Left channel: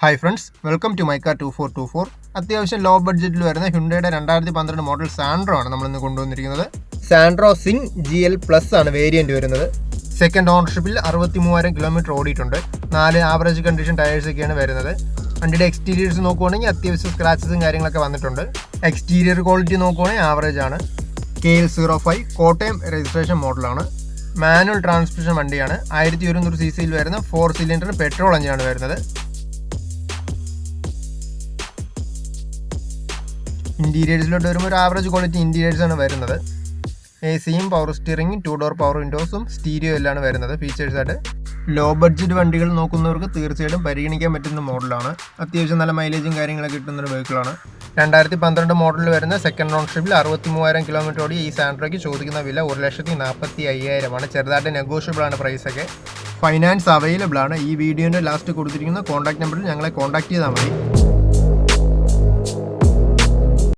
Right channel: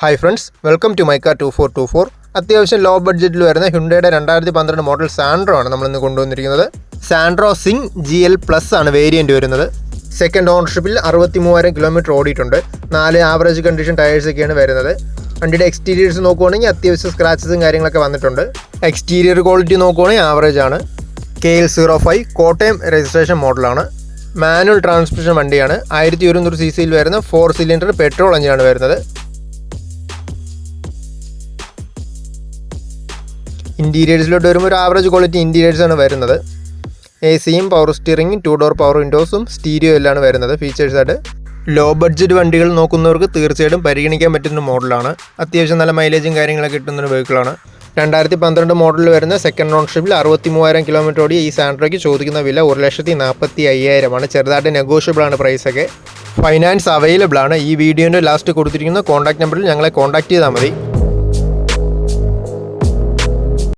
Hi friends, welcome to my car 2424. അത്യാവശ്യം law ബഡ്ജറ്റിൽ വരുന്ന ഹ്യുണ്ടായുടെ 2012 മോഡൽ സാൻഡ്രോ ആണ് നമ്മളിന്ന് കൊണ്ടുവന്നിരിക്കുന്നത്. സാൻഡ്രോ സിംഗ് GL+ ആണ് വേരിയൻറ്റ് വരുന്നത്. സെക്കൻഡ് ഓണർഷിപ്പിൽ 63,000 കിലോമീറ്റർ ഓടിയിട്ടുണ്ട്. 4 ആവറേജ് കണ്ടീഷൻ ടയേഴ്സൊക്കെയാണ് വരുന്നത്. വണ്ടിയുടെ എക്സ്റ്റീരിയേഴ്സ് നോക്കുവാണെങ്കിൽ അത്യാവശ്യം സ്ക്രാച്ചസും കാര്യങ്ങളൊക്കെ വന്നിട്ടുണ്ട്. എക്സ്റ്റീരിയർ ക്വാളിറ്റി നോക്കുവാണെങ്കിൽ ആവറേജ് ആണ്. KL05 കോട്ടയം രജിസ്ട്രേഷൻ മോഡലാണ്. മാനുവൽ ട്രാൻസ്മിഷൻ വണ്ടിയാണ്. 1100 cc വരുന്ന 4 സിലിണ്ടർ പെട്രോൾ എഞ്ചിനാണ് വരുന്നത്. ഇൻറ്റീരിയേഴ്സിലോട്ട് വരുമ്പോൾ ഒരു ആവറേജ് ക്വാളിറ്റി ഇൻറ്റീരിയേഴ്സാണ് വരുന്നത്. AC-യും പവർ സ്റ്റിയറിങ്ങും 2 ഡോർ പവർ വിൻഡോസും സ്റ്റീരിയോ എല്ലാം വരുന്നത് ഫീച്ചേഴ്സായിട്ട്. ലോ ബഡ്ജറ്റ് വണ്ടികൾ നോക്കുന്നവർക്ക് തീർച്ചയായിട്ടും പരിഗണിക്കാൻ പറ്റുന്ന മോഡലാണ്. അത്യാവശ്യം നല്ല മൈലേജും കാര്യങ്ങളൊക്കെ കിട്ടുന്നൊരു വെഹിക്കിളാണ്. 2012 മോഡലിൽ വരുന്ന സെക്കൻഡ് ഓണർഷിപ്പിൽ 63,000 കിലോമീറ്റർ ഓടി ഈ സാൻഡ്രോയ്ക്ക് ചോദിക്കുന്ന വില 1,45,000 ആണ്. ചെറുതായിട്ട് നെഗോഷ്യബിൾ ആണ് പ്രൈസൊക്കെ. ഫൈനാൻസ് അവൈലബിൾ ആണ്. ഈ വീഡിയോൻ്റെ ലാസ്റ്റ് കൊടുത്തിരിക്കുന്ന കോൺടാക്ട് നമ്പറിൽ ഞങ്ങളെ കോൺടാക്ട് ചെയ്താൽ മതി.